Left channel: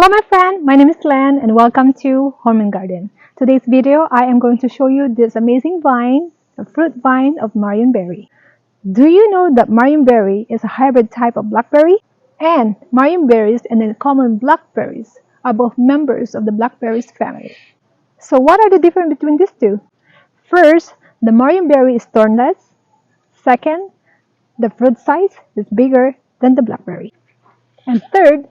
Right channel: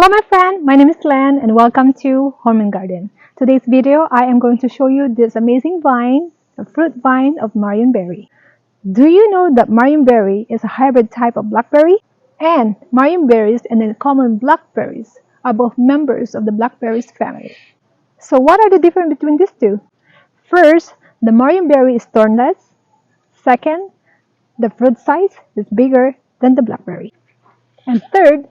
Hello my friend, my name is Len and welcome to Home and Garden. Today's video I am going to show you this amazing vine, a fruit vine of Marion Berry. Do you know that Marion Berry is a hybrid type of blackberry? And Marionberries and the common blackberries are both members of the blackberries family. So what are the differences between these two? First, the Marion Berry is thornless. Second, the fruit size is bigger than the blackberry. And third,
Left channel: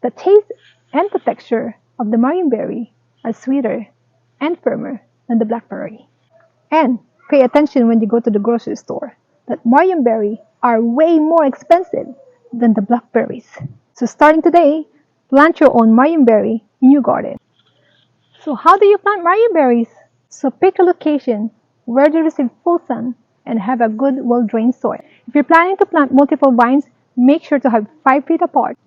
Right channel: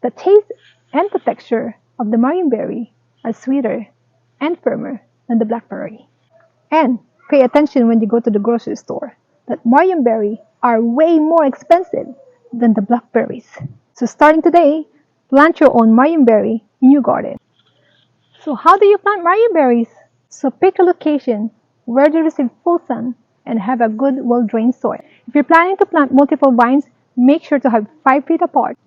the taste and the texture of the Marionberry are sweeter and firmer than the blackberry. And pay attention when you go to the grocery store that Marionberry are way more expensive than the blackberries. So starting today, plant your own Marionberry in your garden. So how do you plant Marionberries? So pick a location where they receive full sun and have a good well-drained soil. If you're planning to plant multiple vines, make sure to have 5 feet apart.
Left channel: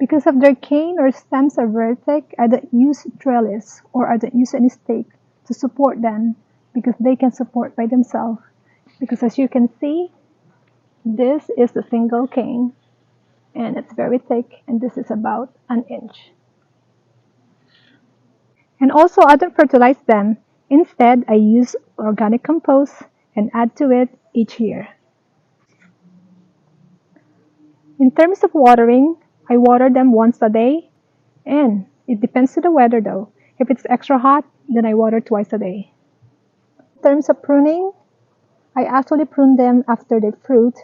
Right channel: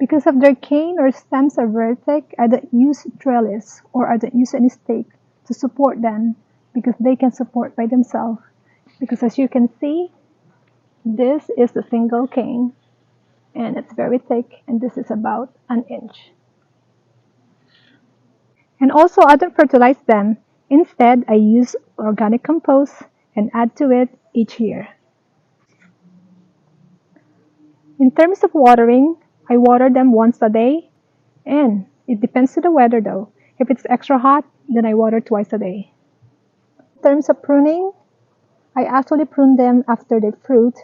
Because of their cane or stems are very thick, I don't use trellis or I don't use any stake to support them because they can support by themselves. Because as you can see, this is a single cane and it's very thick and this is about an inch. And also I don't fertilize them. Instead, I use organic compost and add to it each year. In terms of watering, I water them once a day, and it depends on the weather though. If it's extra hot, then I water twice a day. In terms of pruning, I actually prune them after they fruit.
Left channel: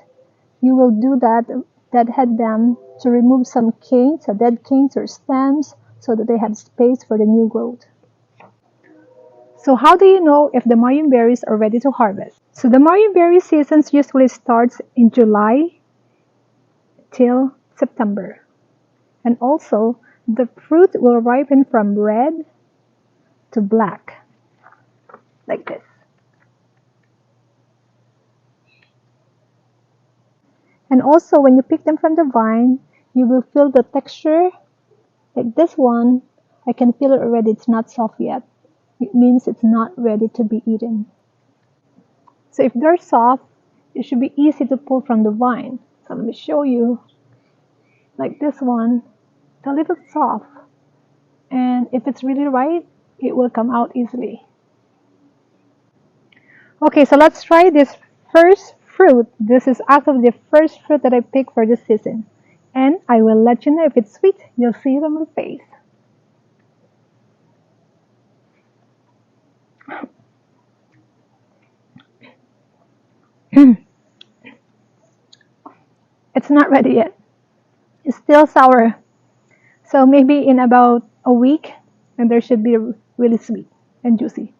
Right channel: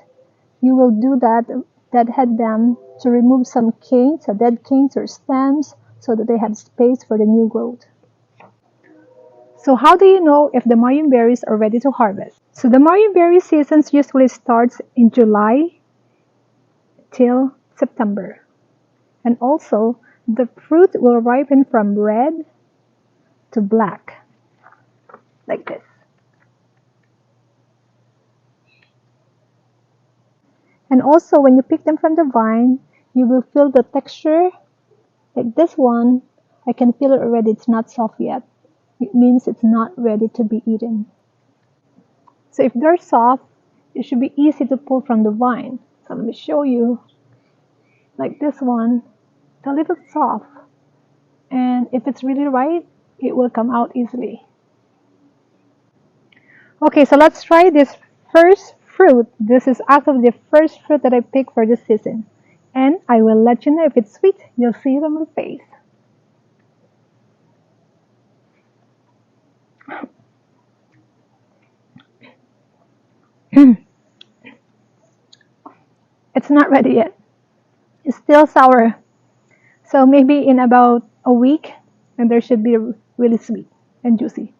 You will do that, deadhead them to remove some canes, dead canes or stems, so that they have space for the new growth. So how do you know if the Marionberries are ready to harvest? So the Marionberry season usually starts in July till September. And also, the fruit will ripen from red to black, like this. And also, when you pick them from the vine, you will feel the texture, like this one. I can feel it already, it's not soft yet. It means it's not ready to be eaten. So if they're soft, it should be easy to pull from the vine. So let me show you, like this one. It's a little soft, and if it's really right, it will come out easily. Okay, so let's try this first fruit. This is actually the first fruit that I picked for this season, and I will let you know if it's sweet. You'll see it on my face. It's not ready yet. It's still sour. So maybe in about a week, and there should be really sweet and juicy.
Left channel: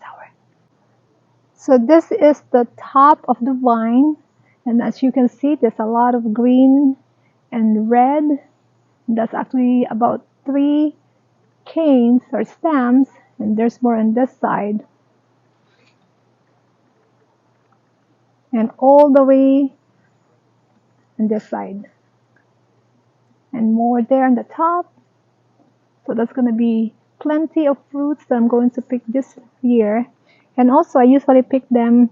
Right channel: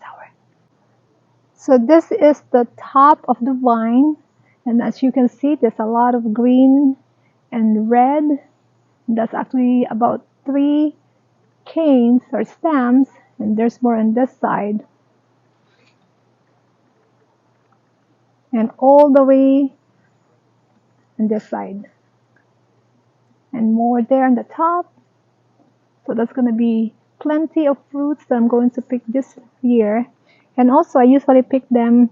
Sour. So this is the top of the vine, and as you can see, there's a lot of green and red. That's actually about 3 canes or stems, and there's more on this side. And all the way on this side. And more there on the top. So that's going to be plenty of fruits that I'm going to pick this year. And also I usually pick them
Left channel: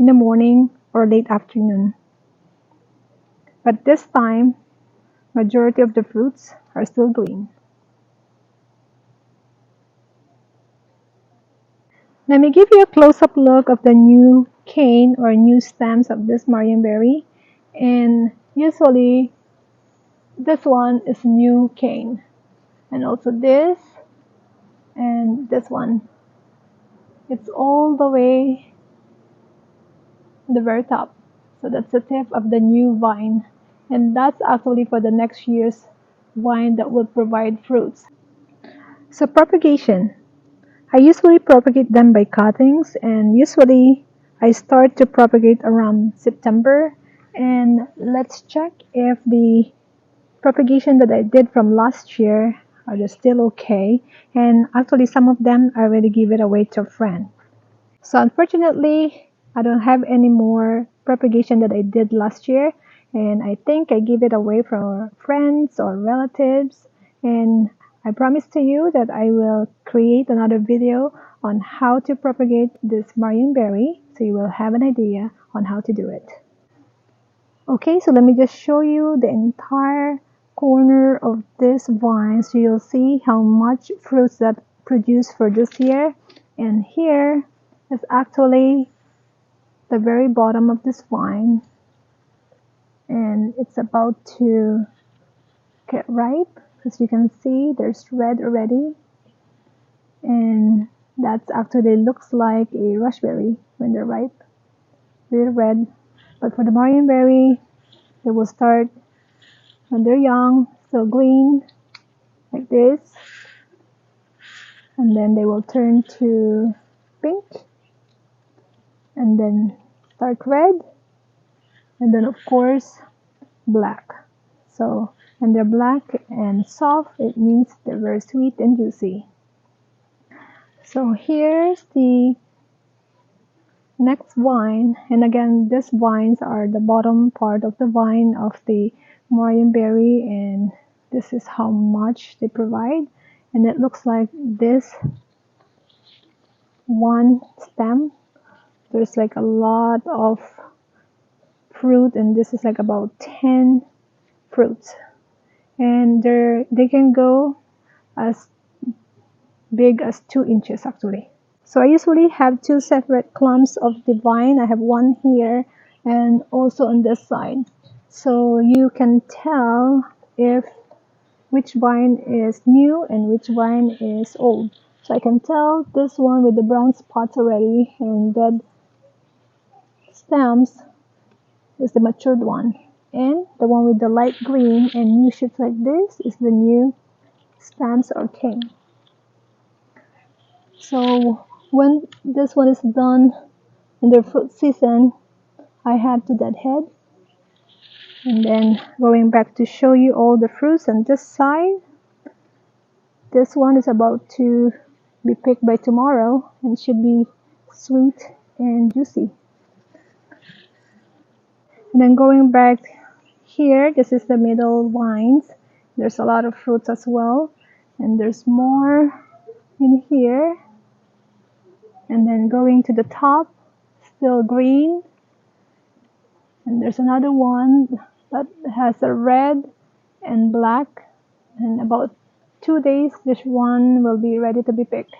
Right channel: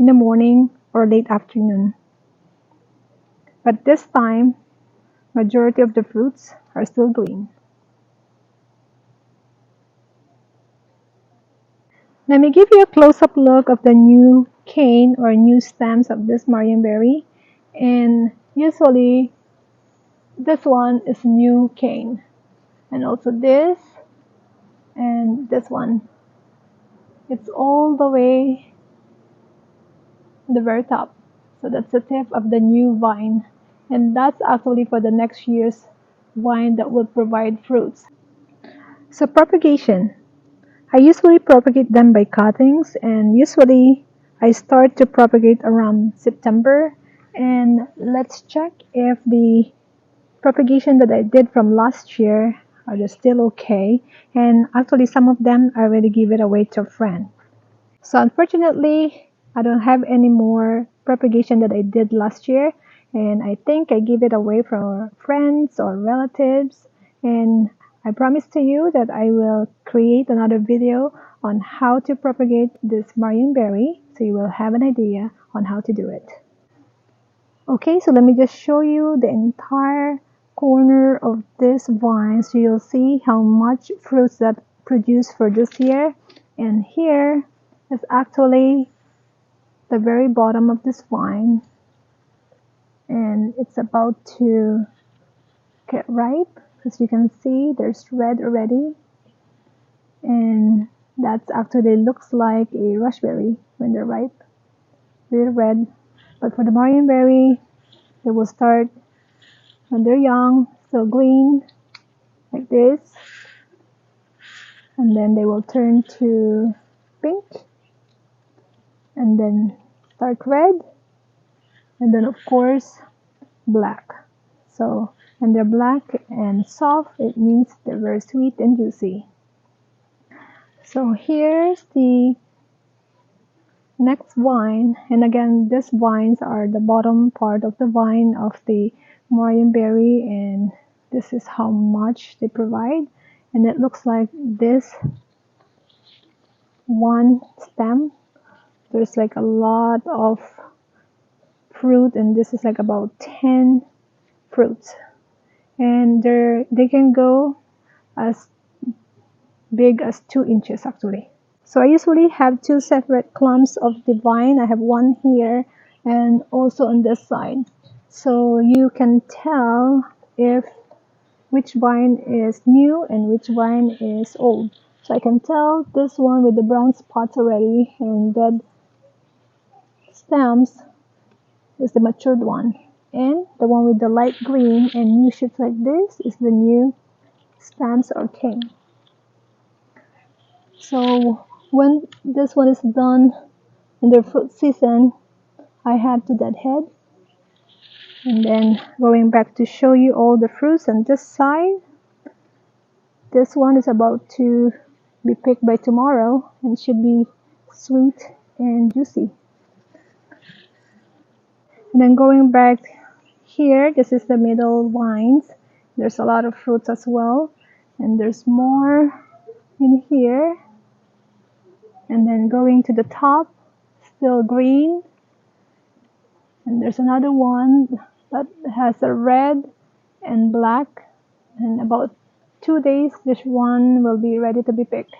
in the morning or late afternoon. But this time, majority of the fruits are still green. Let me give you a close-up look of the new cane or new stems of this Marionberry. And usually this one is new cane, and also this and this one. It's all the way to the very top. So that's the tip of the new vine, and that's actually for the next year's vine that will provide fruits. So propagation. I usually propagate them by cuttings, and usually I start to propagate around September. And let's check if the propagation that I did from last year are they still okay. And actually some of them I already give it away to a friend. So unfortunately I don't have any more propagation that I did last year, and I think I give it away for friends or relatives. And I promise to you that I will create another video on how to propagate this Marionberry, so you will have an idea on how to do it. Okay, so let me just show you the entire corner of this vine, so you'll see how much fruits that produced for this year. And here is actually the very bottom of this vine, and it's about to get ripe. As you can see, there's red already, and that's actually looks like a raspberry when they're ripe, they're red. But for the Marionberry, they will start when they're young, still green like this, and then they will turn to pink, and then start red, and then of course black. So when they're black and soft, it means they're very sweet and juicy. So here's the next vine, and again these vines are the bottom part of the vine of the Marionberry, and this is how much they provide. And it looks like this one stem, there's like a lot of fruit, and this is like about 10 fruits, and they can go as big as 2 inches actually. So I usually have 2 separate clumps of the vine. I have one here and also on this side, so you can tell if which vine is new and which vine is old. So I can tell this one with the brown spots already and dead stems is the matured one, and the one with the light green and new shoots like this is the new stems or king. So when this one is done in the fruit season, I have to deadhead, and then going back to show you all the fruits on this side. This one is about to be picked by tomorrow and should be sweet and juicy. And then going back here, this is the middle vines. There's a lot of fruits as well, and there's more in here. And then going to the top, still green, and there's another one that has a red and black, and about 2 days this one will be ready to be picked.